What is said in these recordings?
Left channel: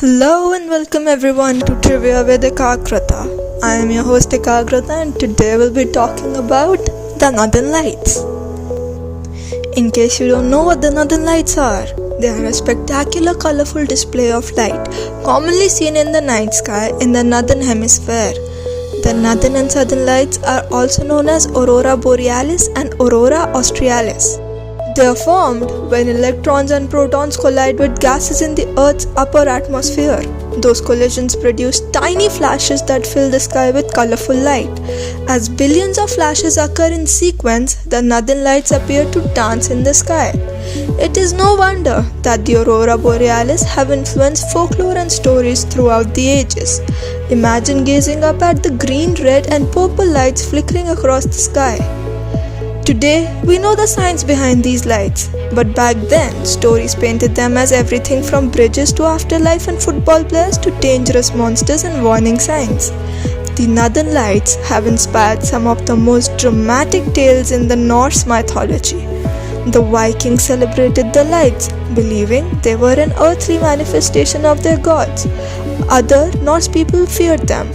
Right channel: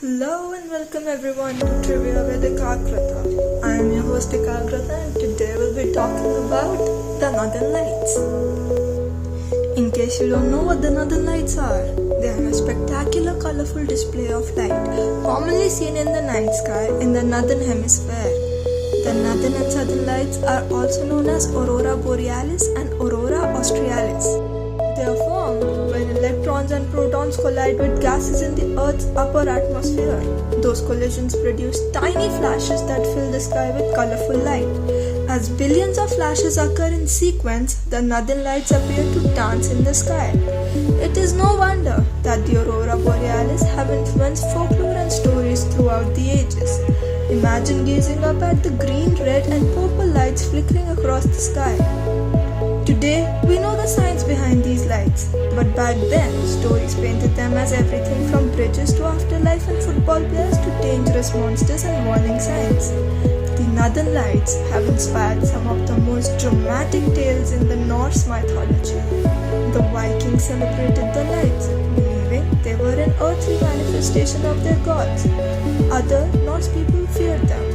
Hello and welcome everyone to Trivia with Ekagrata. I am your host Ekagrata and today we'll be talking about the Northern Lights. In case you don't know what the Northern Lights are, they are a spectacular colorful display of light commonly seen in the night sky in the Northern Hemisphere. The Northern and Southern Lights are also known as Aurora Borealis and Aurora australis. They are formed when electrons and protons collide with gases in the Earth's upper atmosphere. Those collisions produce tiny flashes that fill the sky with colorful light. As billions of flashes occur in sequence, the Northern Lights appear to dance in the sky. It is no wonder that the Aurora Borealis have influenced folklore and stories throughout the ages. Imagine gazing up at the green, red and purple lights flickering across the sky. Today, we know the science behind these lights, but back then, stories painted them as everything from bridges to afterlife and football players to dangerous monsters and warning signs. The Northern Lights have inspired some of the most dramatic tales in the Norse mythology. The Vikings celebrated the lights, believing they were an earthly manifestation of their gods. Other Norse people feared them,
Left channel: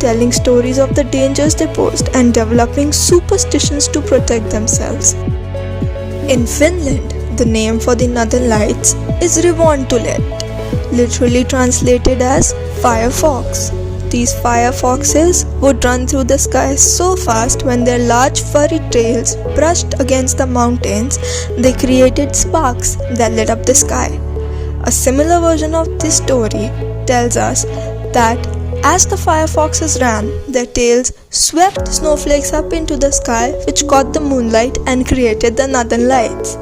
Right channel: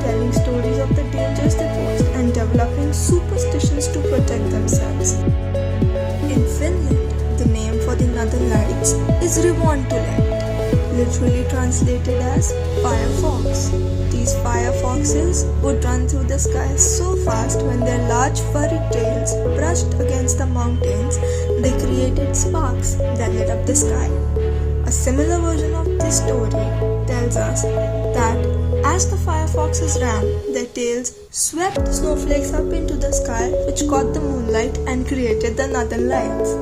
telling stories of the dangers they posed and developing superstitions to protect themselves. In Finland, the name for the Northern Lights is Revontulet, literally translated as fire fox. These fire foxes would run through the sky so fast when their large furry tails brushed against the mountains, they created sparks that lit up the sky. A similar version of this story tells us that as the fire foxes ran, their tails swept snowflakes up into the sky, which caught the moonlight and created the Northern Lights.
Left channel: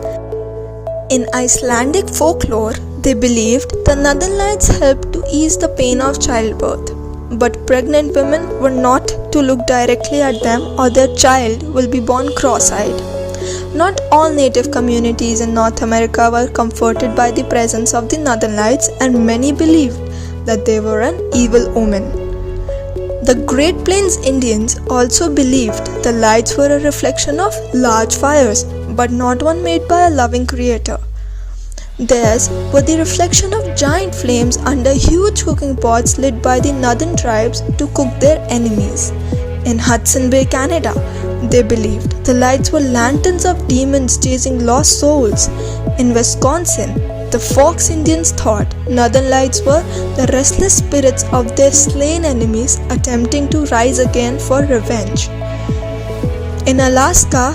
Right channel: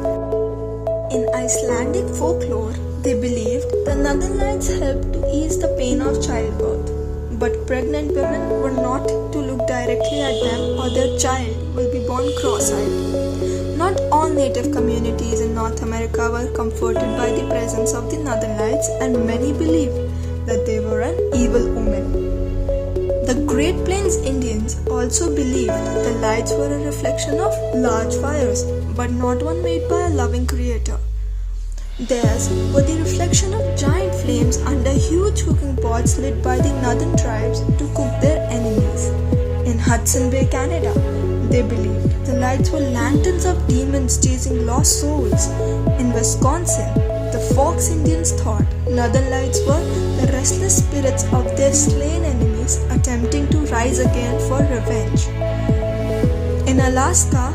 In Icelandic folklore, they believed the Northern Lights helped to ease the pain of childbirth. But pregnant women were not to look directly at them or their child will be born cross-eyed. Not all native communities in North America were comforted by the presence of the Northern Lights, and many believed that they were an evil omen. The Great Plains Indians also believed the lights were a reflection of large fires, but not one made by a loving creator. Theirs were the reflection of giant flames under huge cooking pots lit by the northern tribes to cook their enemies. In Hudson Bay, Canada, they believed the lights were lanterns of demons chasing lost souls. In Wisconsin, the Fox Indians thought Northern Lights were the restless spirits of their slain enemies attempting to rise again for revenge. In Alaska,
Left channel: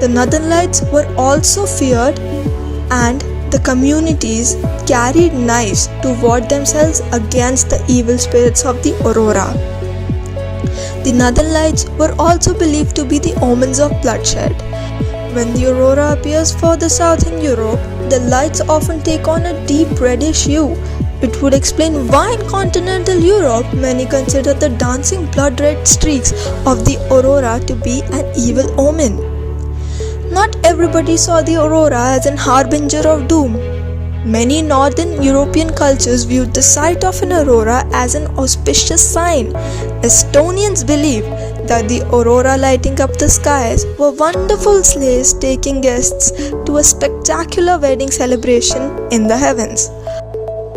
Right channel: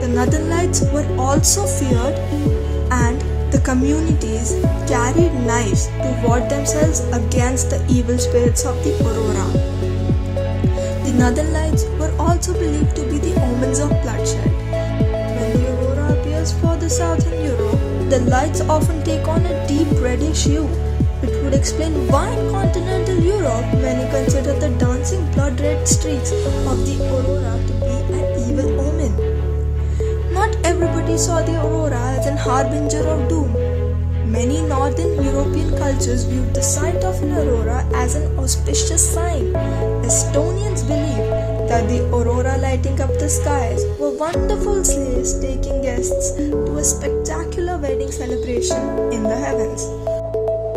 the Northern Lights were also feared, and the communities carried knives to ward themselves against the evil spirits of the aurora. The Northern Lights were also believed to be the omens of bloodshed. When the aurora appears further south in Europe, the lights often take on a deep reddish hue. It would explain why in continental Europe many consider the dancing blood-red streaks of the aurora to be an evil omen. Not everybody saw the aurora as an harbinger of doom. Many northern European cultures viewed the sight of an aurora as an auspicious sign. Estonians believe that the aurora lighting up the skies were wonderful sleighs taking guests to a spectacular wedding celebration in the heavens.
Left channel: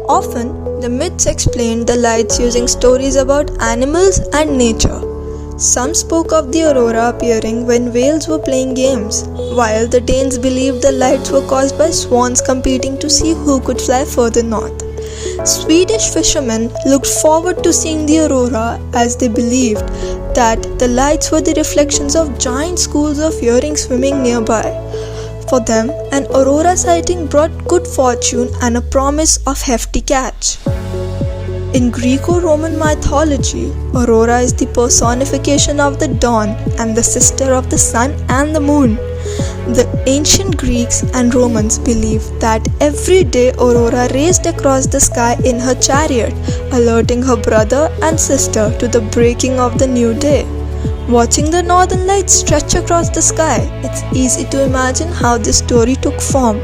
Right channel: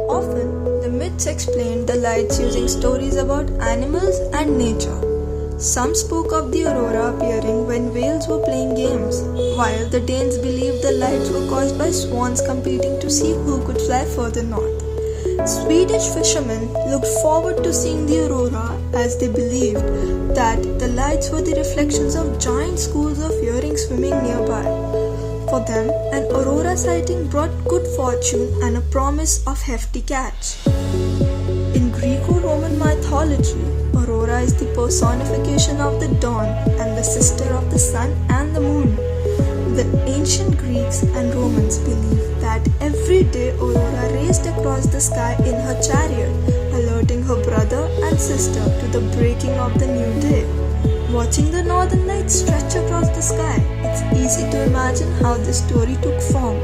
Often, the myths explained the lights using stories about animals and nature. Some spoke of the aurora appearing when whales were playing games, while the Danes believed the lights were caused by swans competing to see who could fly further north. Swedish fishermen looked forward to seeing the aurora as they believed that the lights were the reflections of giant schools of herring swimming nearby. For them, an aurora sighting brought good fortune and a promise of hefty catch. In Greco-Roman mythology, Aurora is the personification of the dawn and the sister of the sun and the moon. The ancient Greeks and Romans believed that every day Aurora raced across the sky in her chariot, alerting her brother and sister to the breaking of the new day. Watching the northern lights stretch across the sky, it's easy to imagine how this story took form.